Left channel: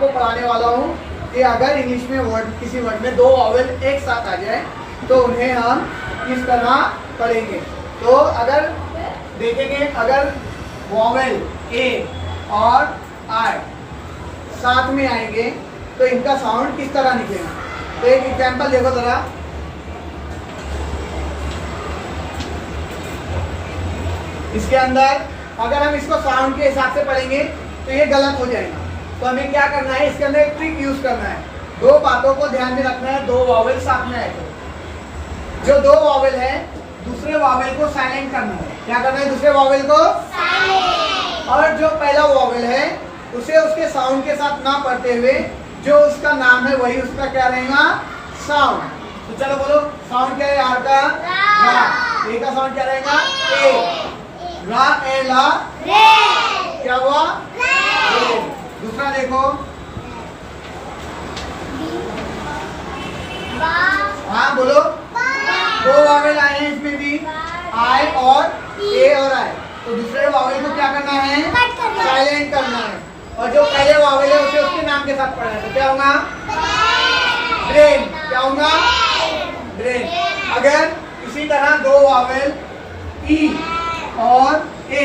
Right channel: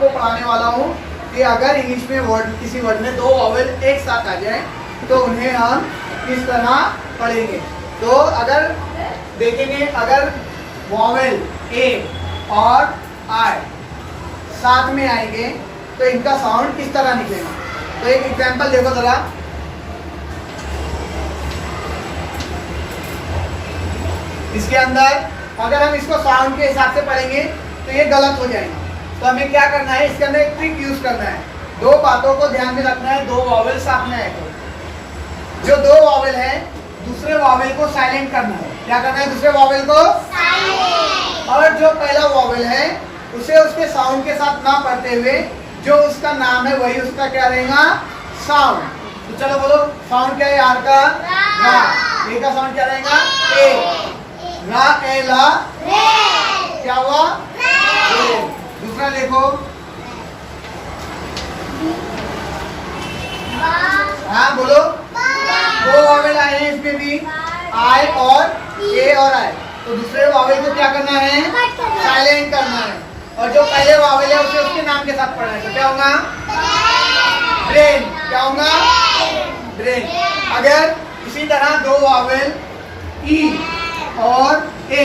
आपको पढ़ाने वाला हूँ कि अगर इंग्लिश में वर्ड किसी वर्ड में 2 वॉवेल एक साथ आ जाए तो उन्हें हम किस तरह पढ़ेंगे। तो अगर देखेंगे, अगर वॉवेल ए और आई साथ में आएंगे तो इनका साउंड किस तरह निकलेगा। तो एक एग्जांपल देखो जरा। इसके अंदर अगर हम इसको साउंड के हिसाब से पढ़ेंगे तो ये गलत हो जाएगा। तो हमें क्या करना है, इसके अंदर एक ट्रिक यूज करना है। 2 बातों को ध्यान में रखना है। 2 वॉवेल साथ में आए तो जो 2 वॉवेल है दूसरे वॉवेल को साइलेंट करना है। क्या करना है, दूसरे वॉवेल को साइलेंट। और जो पहला वॉवेल है उसे उसके साउंड के साथ ना पढ़ते हुए जो उसका नाम है वही उसका क्या रहेगा, साउंड। तो चलो बोलो, साउंड क्या है आर का, रा। ए का साउंड क्या रहेगा, ए। रा ए ला, क्या हुआ, दूसरा देखो, हाँ बोलो, 2 वॉवेल आए हैं इसमें भी, आई और ए और आई। तो दूसरे वॉवेल को क्या करना है, साइलेंट करना है। और जो पहले वॉवेल है उसे उसके नाम के साथ पढ़ना है। तो क्या होगा, ब्रेन। क्या होगा, ब्रेन। अगर इसी तरह 2 वॉवेल ई और ए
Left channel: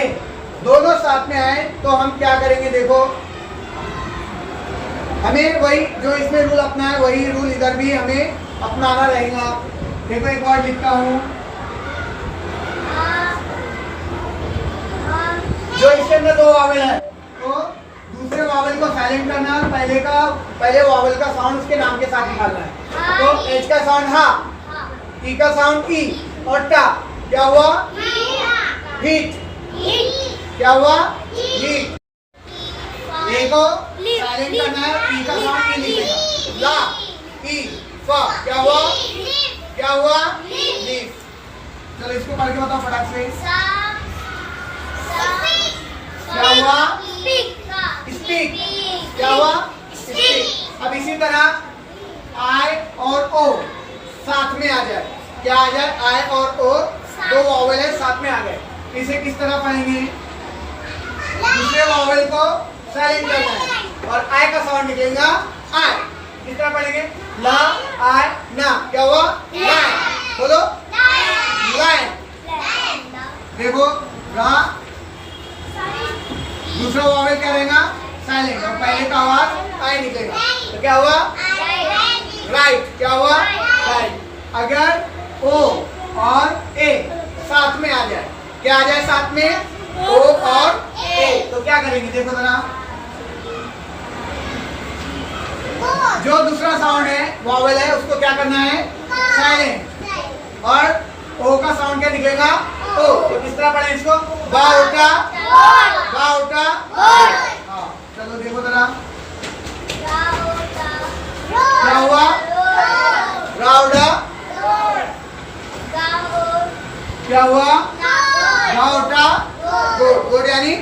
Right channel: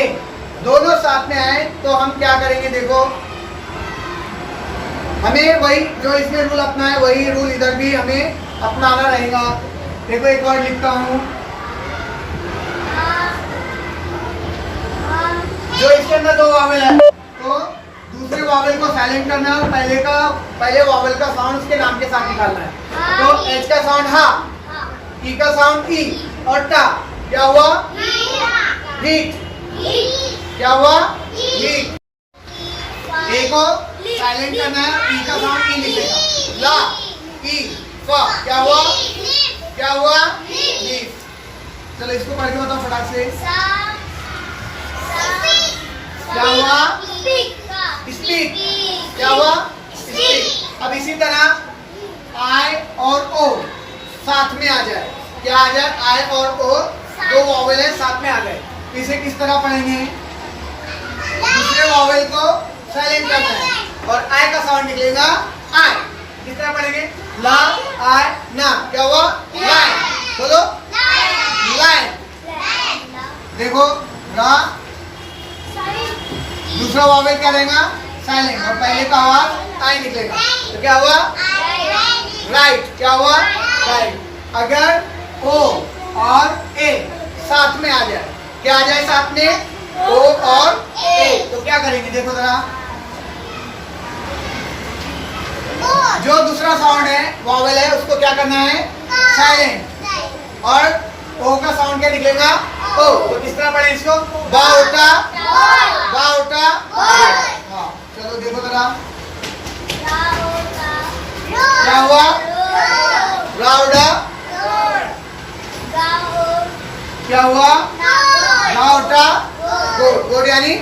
दोनों साथ में आए तो हम क्या करेंगे, देखो हमें वही जो इसमें रूल अपना है वही रूल इधर भी हमें अपनाना रहेगा। देखो एक वर्ड लिखता हूं, जो इसके अंदर 2 वॉवेल है तो दूसरे वॉवेल को साइलेंट करना है और पहले वॉवेल का साउंड उसके नाम के साथ निकालना है। तो एच का साउंड हा, ई का साउंड ई और टा। क्या हुआ, हीट। क्या हुआ, हीट। ए को साइलेंट करना है, ई का साउंड ई लिखेगा, ला ई फा। क्या हुआ, क्या हुआ, लीफ। चलो इसको पढ़ के बताओ फटाक से। क्या हुआ, स्पीक। क्या हुआ, स्पीक। अब इसी तरह आई और ओ साथ में आ जाए, क्या आ जाए, आई और ओ 2 वॉवेल है साथ में आ गए। इसे किस तरह पढ़ेंगे, दूसरे वॉवेल को साइलेंट करना है और आई का साउंड निकलेगा आई। किस तरह पढ़ेंगे, ला आई ना। क्या हुआ, लाइन। बोलो, लाइन। देखो रा, दूसरा वॉवेल क्या रहेगा, साइलेंट, और पहले का आवाज आई निकलेगा। तो क्या हुआ, राइट। क्या हुआ, राइट। अगर ओ और ए साथ में आ जाए, क्या आ जाए साथ में, ओ और ए, तो क्या करेंगे, देखो जरा। जो दूसरा साउंड है वॉवेल है उसको क्या करना है, साइलेंट, और ओ का साउंड क्या निकलेगा, ओ। तो किस तरह पढ़े इसको, बाउटा, बाउटा। हाँ चलो देखो जरा, क्या हुआ, राउडा। क्या हुआ, राउटा, गोड यानी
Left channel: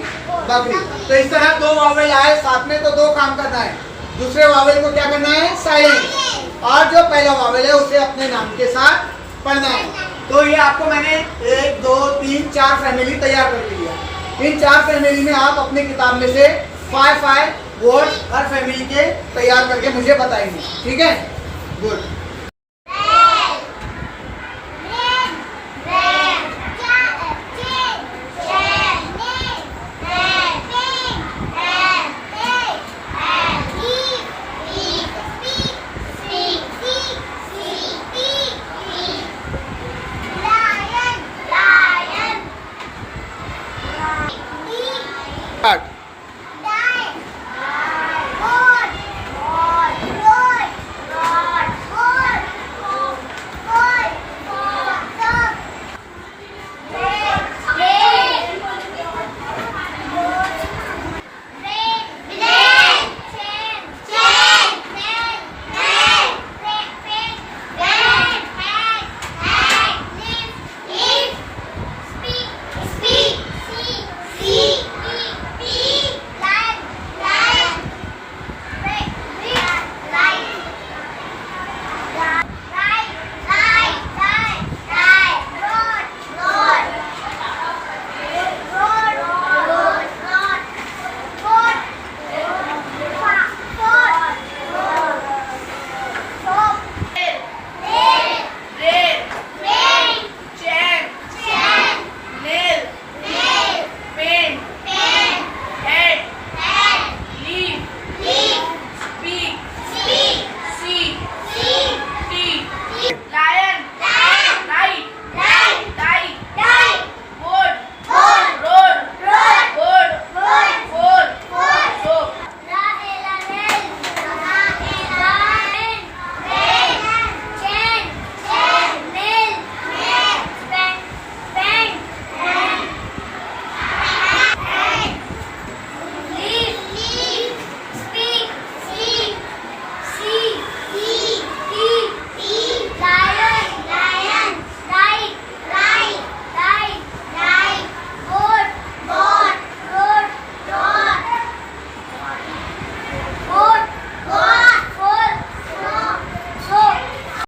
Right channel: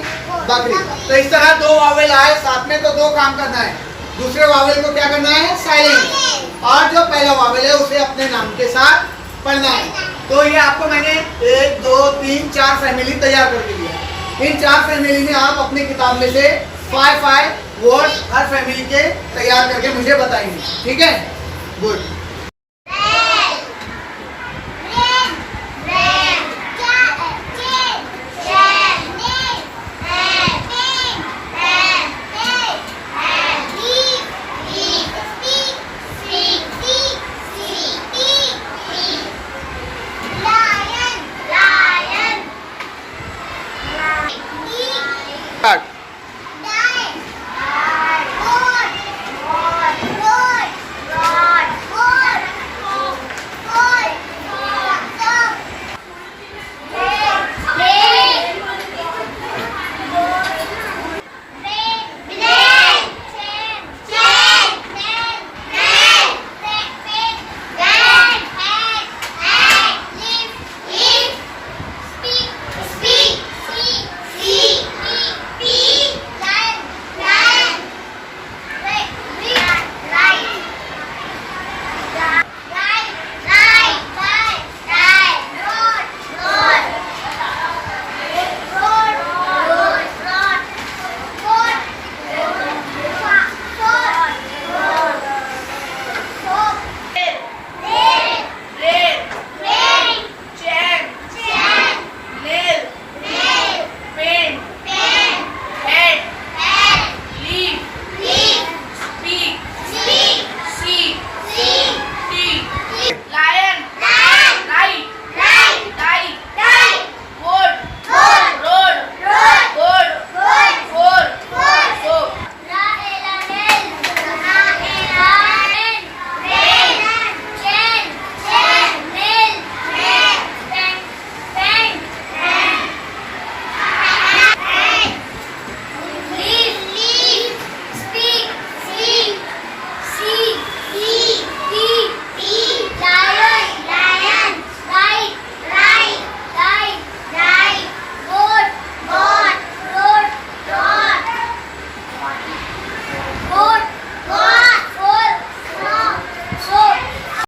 बकरी। तो इस तरह 2 वॉवेल आए साथ में तो 2 काम करना है। दूसरे वॉवेल को क्या करना है, साइलेंट, और जो पहला वॉवेल है उसे अपने नाम के साथ पढ़ना है। तो ये आपको मैंने 1 2 3 4 फैमिली तैयार कर दी है। इन 4 फैमिली में आप अपनी किताब में से 5 वर्ड हर फैमिली के तैयार करके मुझे बताएंगे, ठीक है। गुड।